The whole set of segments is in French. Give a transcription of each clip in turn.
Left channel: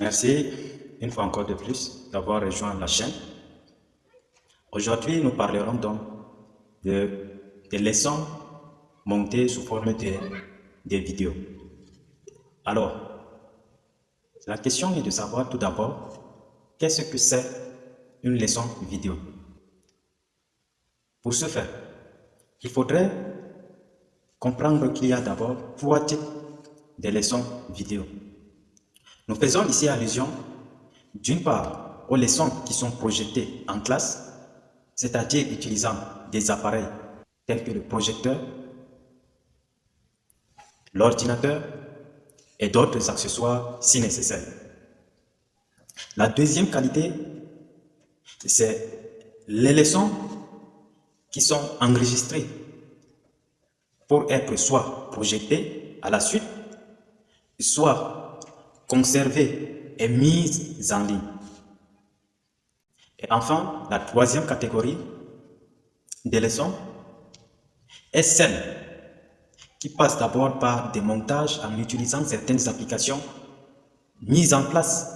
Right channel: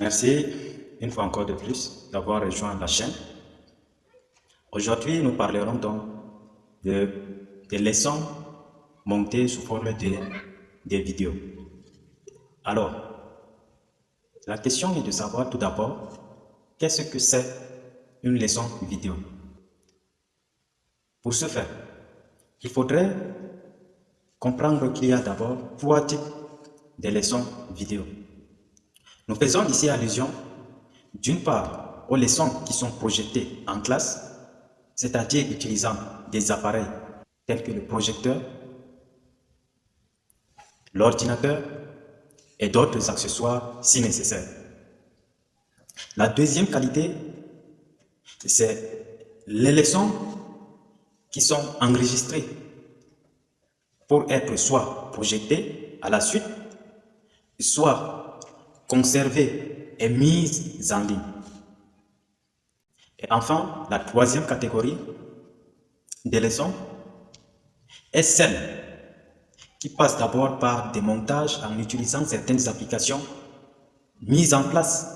Merci une fois encore de plus d'avoir rejoint la chaîne. Aujourd'hui, nous parlerons donc de, des leçons montées sous forme des vidéos. Alors, la question est de savoir tout d'abord qu'est-ce que c'est une leçon vidéo. Pour ce faire, il faudrait comprendre qu'il y a d'abord trois types de leçons vidéo. Nous faisons ici allusion d'une part aux leçons qui sont projetées en classe, c'est-à-dire utilisant des appareils tels que le projecteur, l'ordinateur et d'autres accessoires si nécessaire. La deuxième qualité, c'est les leçons qui sont enregistrées pour être soit projetées à la suite, soit conservées et mises en ligne. Et enfin, la troisième catégorie des leçons est celle qui passe d'abord par des montages en utilisant certaines applications mises en place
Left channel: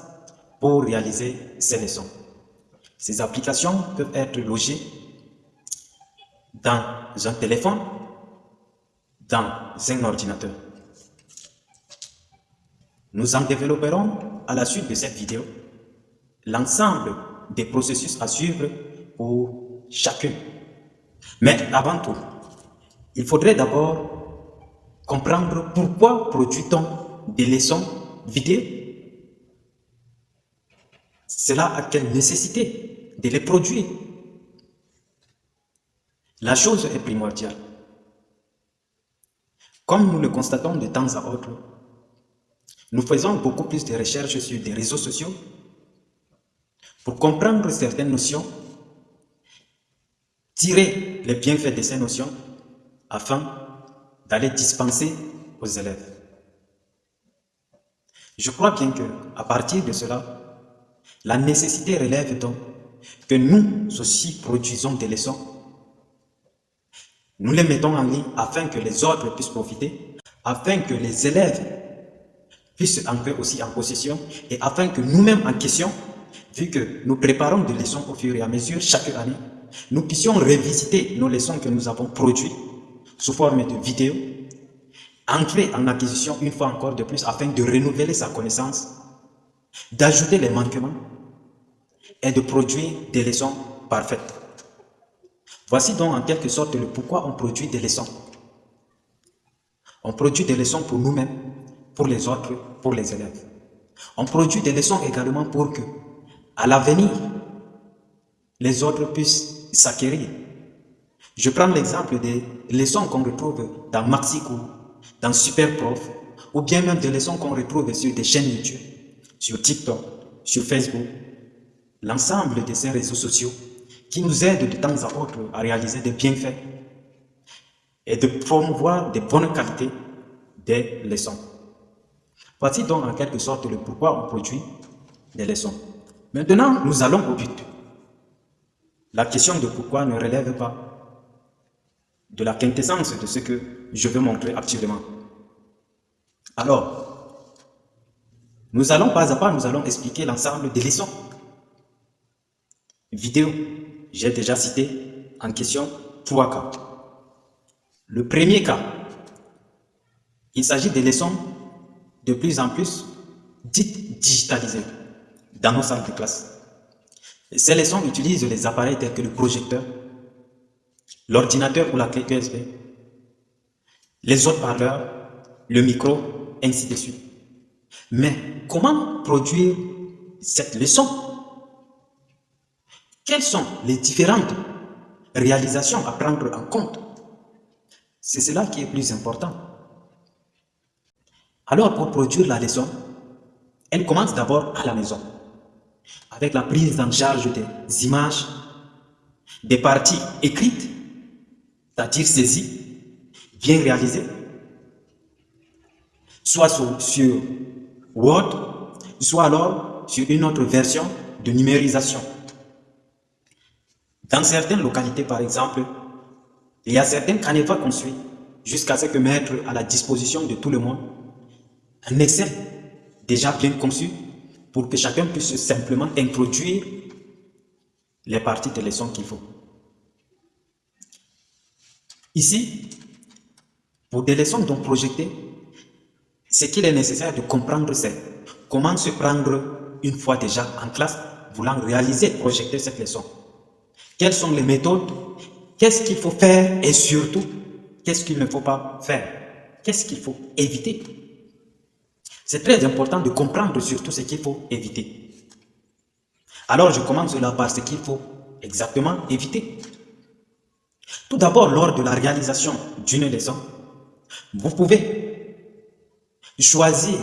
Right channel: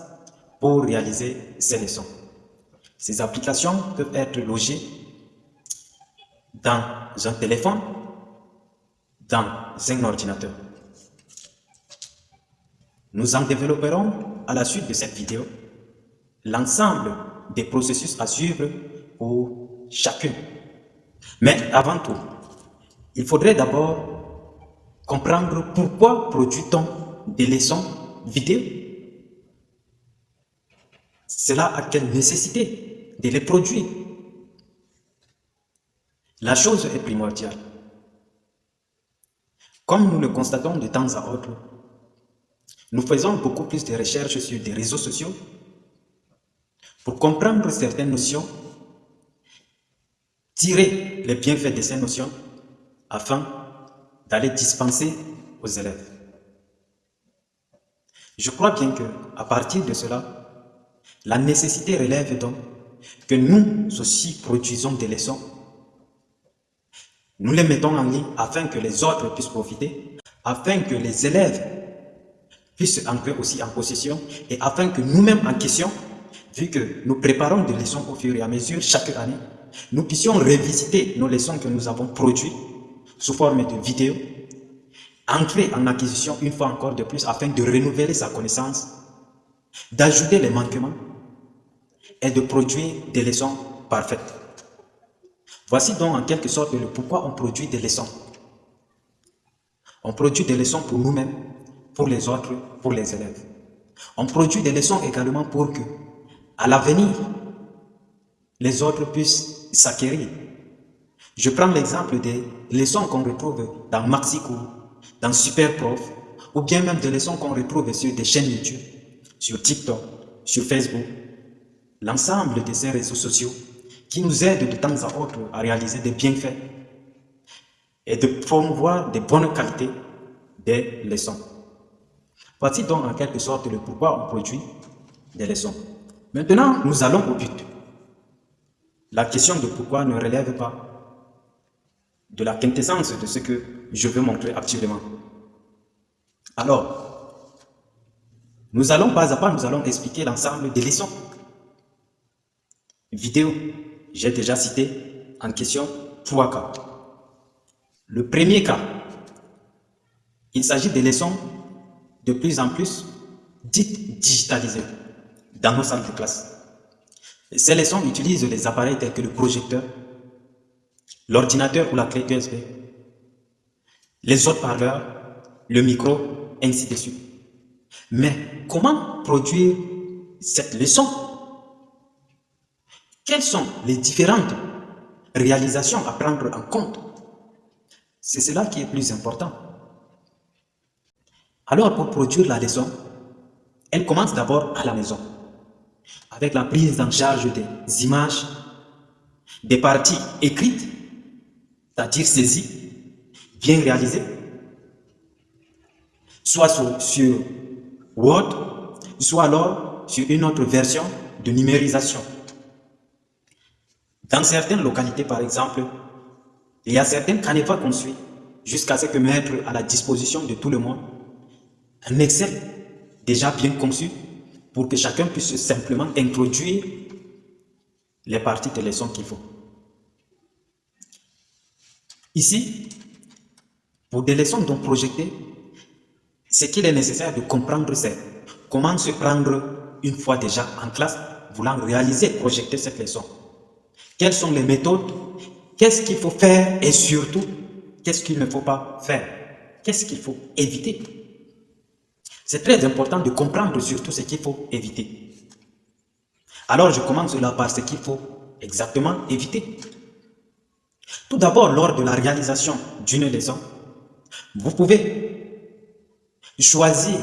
pour réaliser ces leçons. Ces applications peuvent être logées dans un téléphone, dans un ordinateur. Nous en développerons à la suite de cette vidéo l'ensemble des processus à suivre pour chacune. Mais avant tout, il faudrait d'abord comprendre pourquoi produit-on des leçons vidéo. Cela a quelle nécessité de les produire? La chose est primordiale. Comme nous le constatons de temps à autre, nous faisons beaucoup plus de recherches sur des réseaux sociaux pour comprendre certaines notions, tirer les bienfaits de ces notions afin d'aller dispenser aux élèves. Je crois bien qu'à partir de cela, la nécessité relève donc que nous aussi produisons des leçons. Nous les mettons en ligne afin que les autres puissent profiter, afin que les élèves puissent entrer aussi en possession et afin que nous-mêmes en question, vu que nous préparons des leçons au fur et à mesure chaque année, nous puissions revisiter nos leçons que nous avons produites sous forme de vidéos, entrer en acquisition une fois encore de plus afin de renouveler sa connaissance, d'ajouter les manquements et de produire des leçons parfaites. Voici donc en quelque sorte le pourquoi on produit des leçons. On produit des leçons pour nous-mêmes, pour les autres, pour les élèves. On produit des leçons également pour que, à l'avenir, les autres puissent s'acquérir. Je prends l'exemple des leçons qu'on retrouve dans Maxicours, dans Superprof, ou bien même des leçons qu'on retrouve sur des chaînes YouTube, sur TikTok, sur Facebook, l'ensemble de ces réseaux sociaux qui nous aident de temps à autre à réaliser des bienfaits et de promouvoir des bonnes qualités des leçons. Voici donc en quelque sorte le pourquoi on produit des leçons. Maintenant, nous allons au but. La question de pourquoi ne relève pas de la quintessence de ce que je veux montrer actuellement. Alors, nous allons pas à pas, nous allons expliquer l'ensemble des leçons. Vidéo, j'ai déjà cité en question 3 cas. Le premier cas, il s'agit des leçons de plus en plus dites digitalisées dans nos salles de classe. Ces leçons utilisent les appareils tels que le projecteur, l'ordinateur ou la clé USB, les haut-parleurs, le micro, ainsi de suite. Mais comment produire cette leçon? Quelles sont les différentes réalisations à prendre en compte? C'est cela qui est plus important. Alors, pour produire la leçon, elle commence d'abord à la maison, avec la prise en charge des images, des parties écrites, c'est-à-dire saisies, bien réalisées, soit sur Word, soit alors sur une autre version de numérisation. Dans certaines localités, par exemple, il y a certaines canevas qu'on suit jusqu'à ce que mettre à la disposition de tout le monde un Excel déjà bien conçu pour que chacun puisse simplement introduire les parties de leçon qu'il faut. Ici, pour des leçons donc projetées, ce qu'il est nécessaire de comprendre, c'est comment se prendre une fois déjà en classe, voulant réaliser, projeter cette leçon. Quelles sont les méthodes? Qu'est-ce qu'il faut faire? Et surtout, qu'est-ce qu'il ne faut pas faire? Qu'est-ce qu'il faut éviter? C'est très important de comprendre surtout ce qu'il faut éviter. Alors, je commence là par ce qu'il faut exactement éviter. Tout d'abord, lors de la réalisation d'une leçon, vous pouvez choisir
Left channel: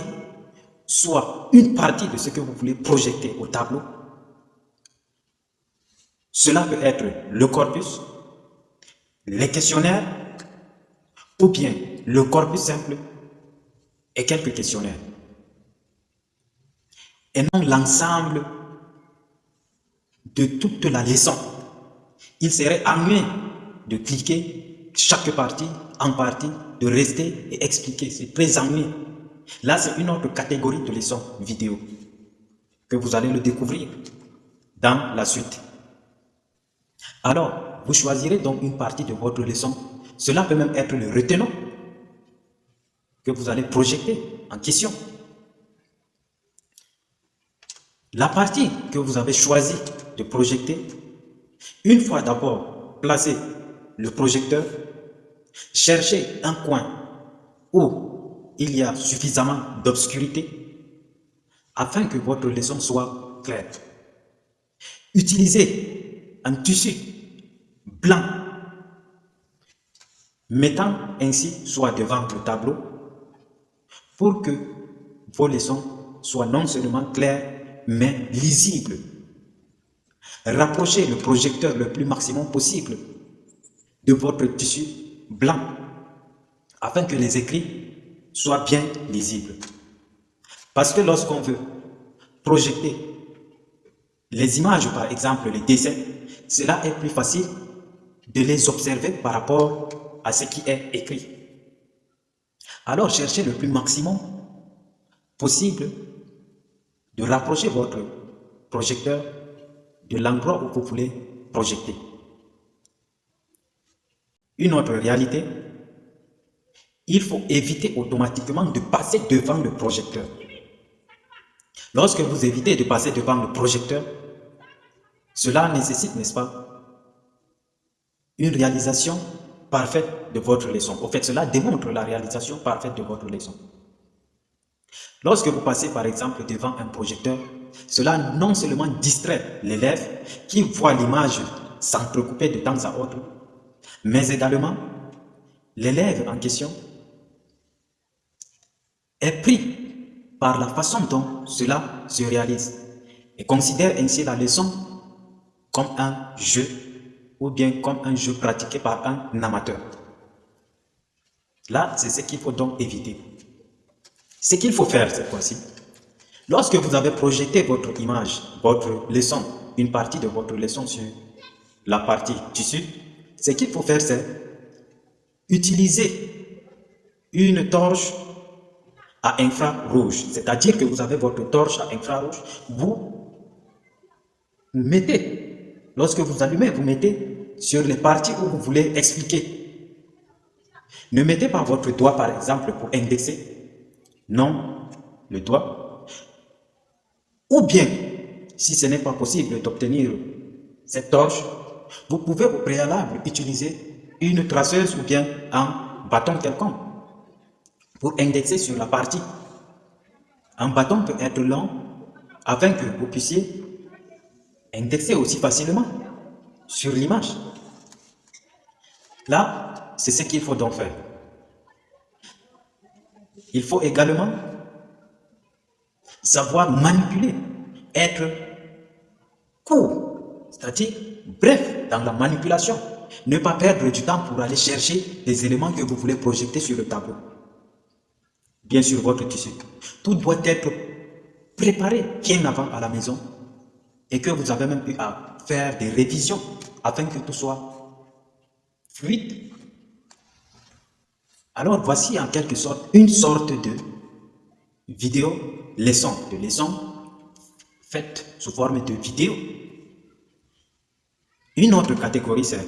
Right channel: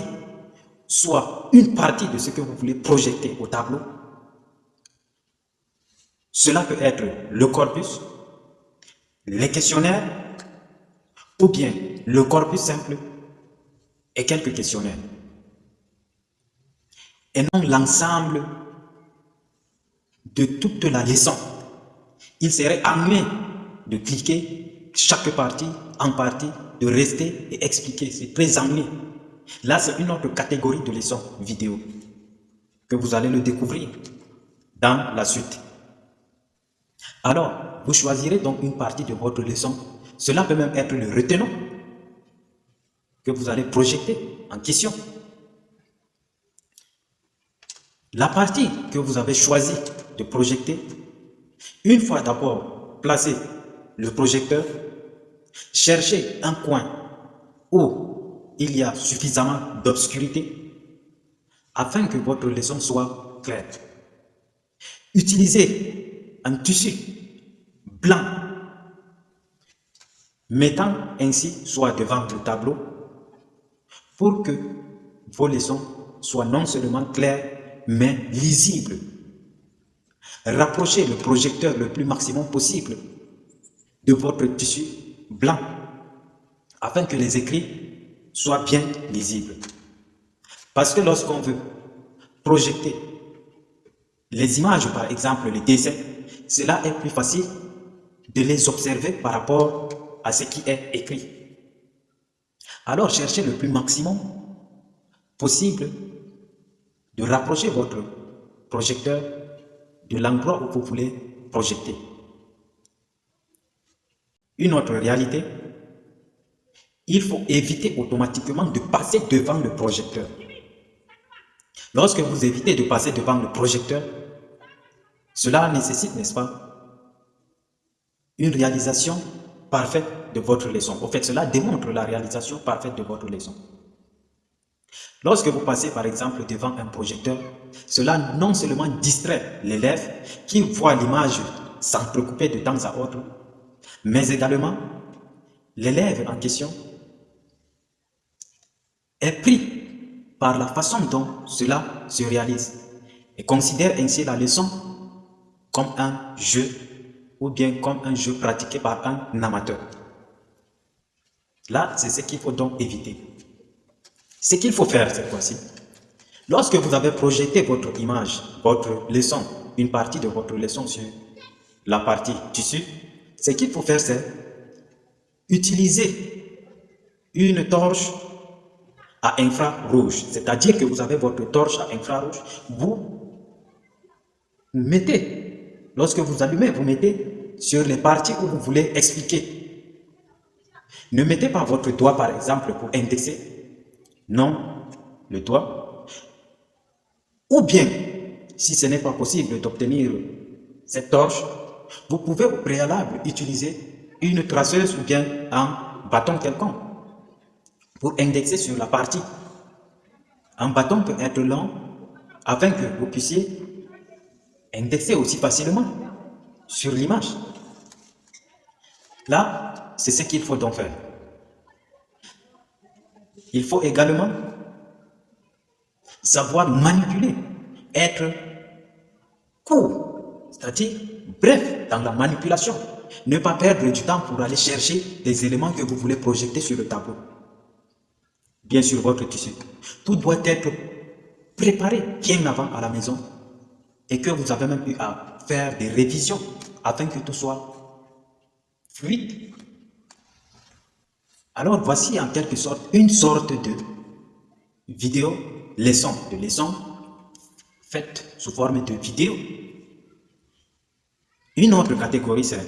soit une partie de ce que vous voulez projeter au tableau. Cela peut être le corpus, les questionnaires, ou bien le corpus simple et quelques questionnaires. Et non l'ensemble de toute la leçon. Il serait ennuyé de cliquer chaque partie en partie, de rester et expliquer. C'est très ennuyeux. Là, c'est une autre catégorie de leçons vidéo que vous allez le découvrir dans la suite. Alors, vous choisirez donc une partie de votre leçon. Cela peut même être le retenant que vous allez projeter en question. La partie que vous avez choisi de projeter, une fois d'abord placé le projecteur, cherchez un coin où il y a suffisamment d'obscurité afin que votre leçon soit claire. Utilisez un tissu blanc, mettant ainsi soit devant le tableau pour que vos leçons soient non seulement claires, mais lisibles. Rapprochez le projecteur le plus maximum possible de votre tissu blanc afin que les écrits soient bien lisibles. Parce que lorsqu'on veut projeter les images, par exemple les dessins, cela est plus facile de les observer par rapport à ce qui est écrit. Alors cherchez le plus maximum possible de rapprocher votre projecteur de l'endroit où vous voulez projeter. Une autre réalité, il faut éviter automatiquement de passer devant le projecteur. Lorsque vous évitez de passer devant le projecteur, cela nécessite, n'est-ce pas, une réalisation parfaite de votre leçon. En fait, cela démontre la réalisation parfaite de votre leçon. Lorsque vous passez par exemple devant un projecteur, cela non seulement distrait l'élève qui voit l'image s'entrecouper de temps à autre, mais également l'élève en question est pris par la façon dont cela se réalise et considère ainsi la leçon comme un jeu ou bien comme un jeu pratiqué par un amateur. Là, c'est ce qu'il faut donc éviter. Ce qu'il faut faire cette fois-ci, lorsque vous avez projeté votre image, votre leçon, une partie de votre leçon sur la partie tissu, ce qu'il faut faire, c'est utiliser une torche à infrarouge. C'est-à-dire que vous avez votre torche à infrarouge, vous mettez, lorsque vous allumez, vous mettez sur les parties où vous voulez expliquer. Ne mettez pas votre doigt, par exemple, pour indexer. Non, le doigt. Ou bien, si ce n'est pas possible d'obtenir cette torche, vous pouvez au préalable utiliser une traceuse ou bien un bâton quelconque pour indexer sur la partie. Un bâton peut être long afin que vous puissiez indexer aussi facilement sur l'image. Là, c'est ce qu'il faut donc faire. Il faut également savoir manipuler, être court, c'est-à-dire bref dans la manipulation. Ne pas perdre du temps pour aller chercher les éléments que vous voulez projeter sur le tableau. Bien sûr, votre tissu. Tout doit être préparé bien avant à la maison et que vous avez même eu à faire des révisions afin que tout soit fluide. Alors voici en quelque sorte une sorte de vidéo leçon, faites sous forme de vidéo. Une autre catégorie, c'est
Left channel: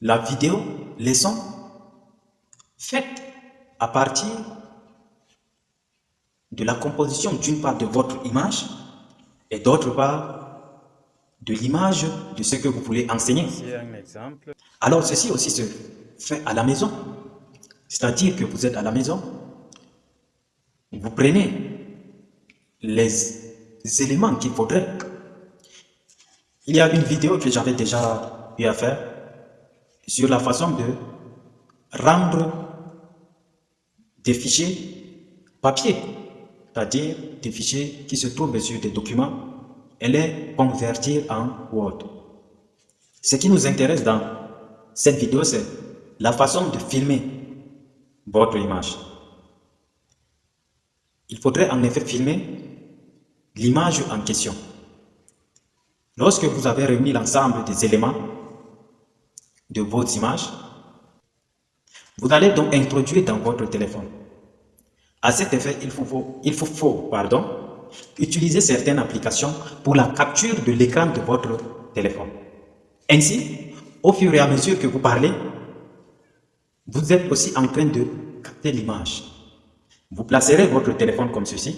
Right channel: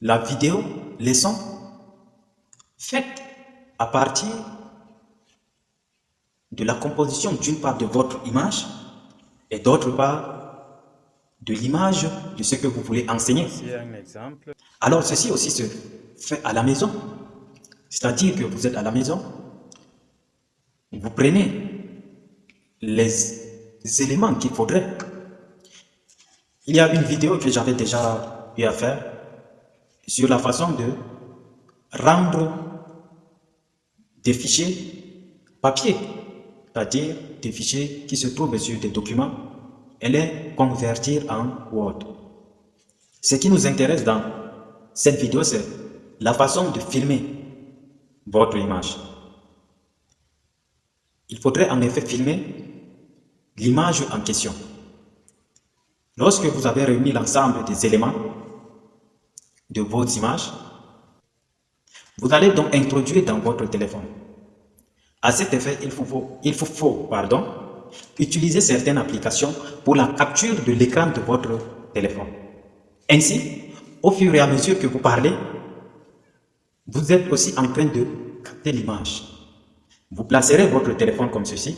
la vidéo leçon faite à partir de la composition d'une part de votre image et d'autre part de l'image de ce que vous voulez enseigner. Voici un exemple. Alors ceci aussi se fait à la maison, c'est-à-dire que vous êtes à la maison, vous prenez les éléments qu'il faudrait. Il y a une vidéo que j'avais déjà eu à faire sur la façon de rendre des fichiers papier, c'est-à-dire des fichiers qui se trouvent sur des documents, et les convertir en Word. Ce qui nous intéresse dans cette vidéo, c'est la façon de filmer votre image. Il faudrait en effet filmer l'image en question. Lorsque vous avez réuni l'ensemble des éléments de vos images, vous allez donc introduire dans votre téléphone. À cet effet, il faut utiliser certaines applications pour la capture de l'écran de votre téléphone. Ainsi, au fur et à mesure que vous parlez, vous êtes aussi en train de capter l'image. Vous placerez votre téléphone comme ceci,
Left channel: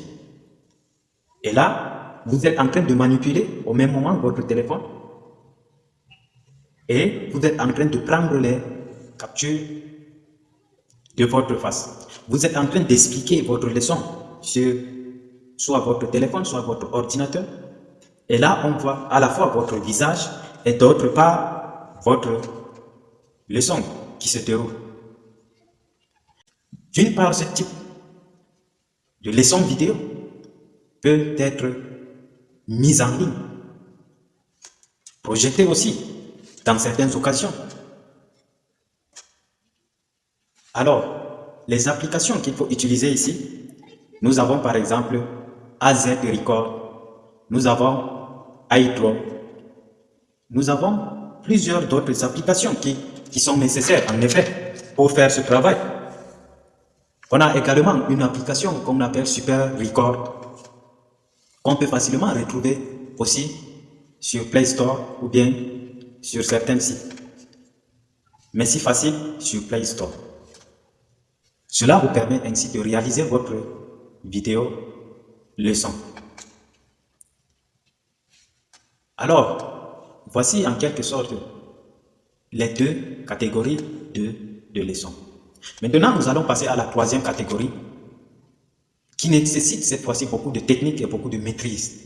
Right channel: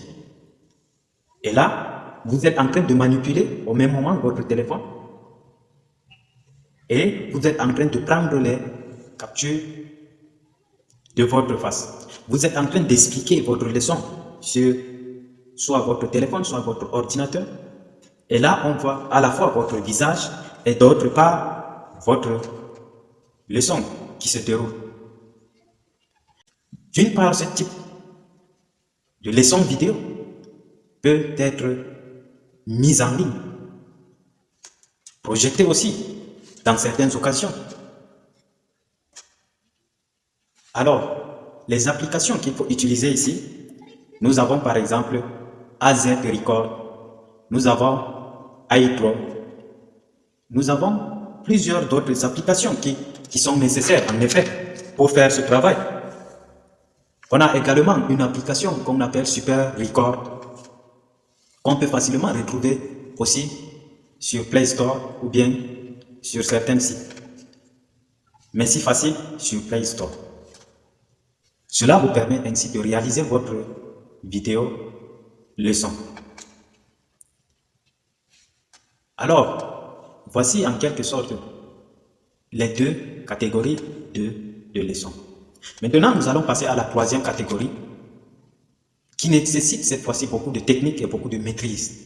et là, vous êtes en train de manipuler au même moment votre téléphone, et vous êtes en train de prendre les captures de votre face. Vous êtes en train d'expliquer votre leçon sur soit votre téléphone, soit votre ordinateur. Et là, on voit à la fois votre visage et d'autre part votre leçon qui se déroule. D'une part, ce type de leçon vidéo peut être mise en ligne, projetée aussi dans certaines occasions. Alors, les applications qu'il faut utiliser ici, nous avons par exemple AZ Record, nous avons iDraw, nous avons plusieurs d'autres applications qui sont nécessaires en effet pour faire ce travail. On a également une application qu'on appelle Super Record, qu'on peut facilement retrouver aussi sur Play Store ou bien sur certains sites. Mais si facile sur Play Store. Cela vous permet ainsi de réaliser votre vidéo leçon. Alors, voici en quelque sorte les deux catégories de leçons. Maintenant, nous allons passer à la troisième catégorie qui nécessite cette fois-ci beaucoup de technique et beaucoup de maîtrise.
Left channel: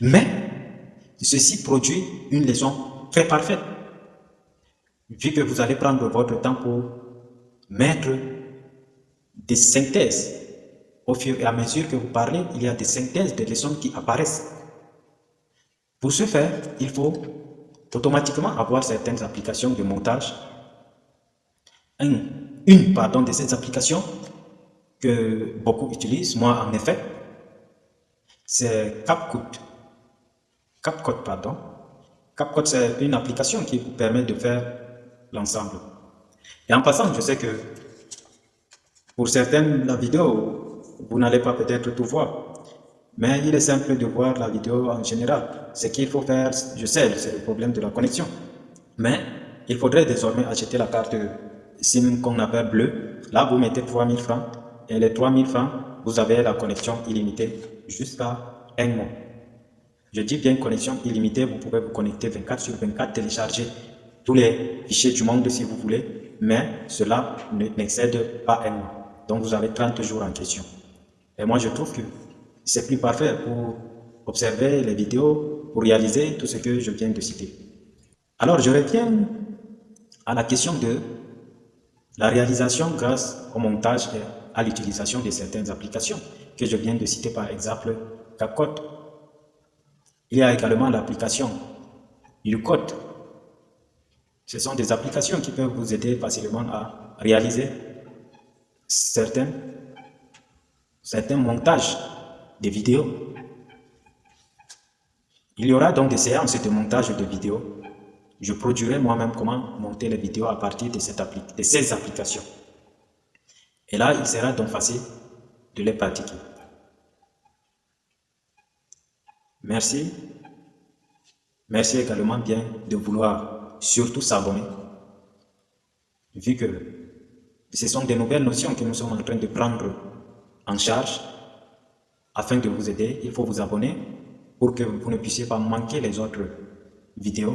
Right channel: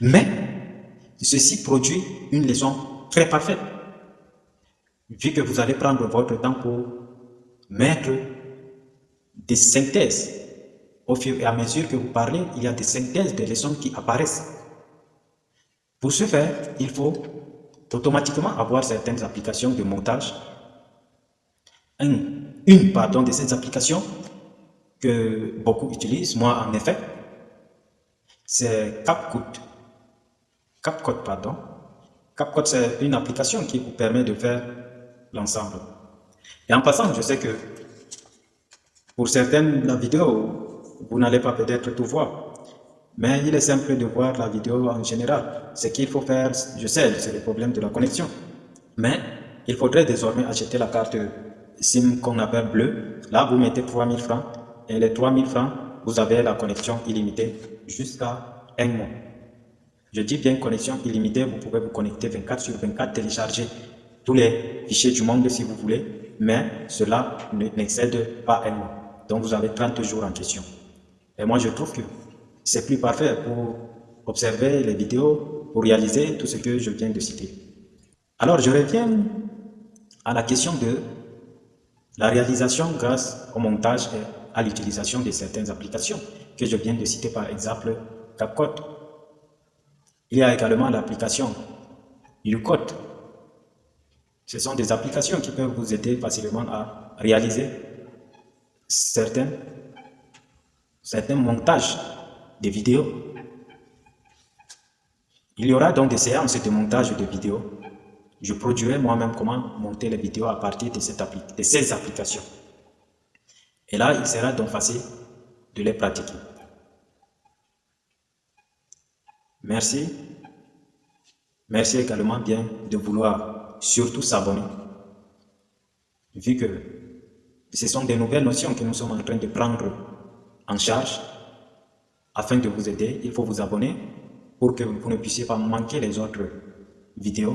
Mais ceci produit une leçon très parfaite. Vu que vous allez prendre votre temps pour mettre des synthèses. Au fur et à mesure que vous parlez, il y a des synthèses de leçons qui apparaissent. Pour ce faire, il faut automatiquement avoir certaines applications de montage. Une de ces applications que beaucoup utilisent, moi en effet, c'est CapCut. CapCut, c'est une application qui vous permet de faire l'ensemble. Et en passant, je sais que pour certaines vidéos, vous n'allez pas peut-être tout voir, mais il est simple de voir la vidéo en général. Ce qu'il faut faire, je sais, c'est le problème de la connexion, mais il faudrait désormais acheter la carte SIM qu'on appelle bleue. Là, vous mettez 3000 francs, et les 3000 francs, vous avez la connexion illimitée jusqu'à un mois. Je dis bien connexion illimitée, vous pouvez vous connecter 24 sur 24, télécharger tous les fichiers du monde si vous voulez, mais cela n'excède pas un mois. Donc vous avez 30 jours en question. Et moi je trouve que c'est plus parfait pour observer les vidéos, pour réaliser tout ce que je viens de citer. Alors je reviens à la question de la réalisation grâce au montage et à l'utilisation de certaines applications que je viens de citer, par exemple CapCut. Il y a également l'application YouCut. Ce sont des applications qui peuvent vous aider facilement à réaliser certains montages de vidéos. Il y aura donc des séances de montage de vidéos. Je produirai moi-même comment monter les vidéos à partir de ces applications. Et là, il sera donc facile de les pratiquer. Merci. Merci également bien de vouloir surtout s'abonner, vu que ce sont des nouvelles notions que nous sommes en train de prendre en charge. Afin de vous aider, il faut vous abonner pour que vous ne puissiez pas manquer les autres vidéos.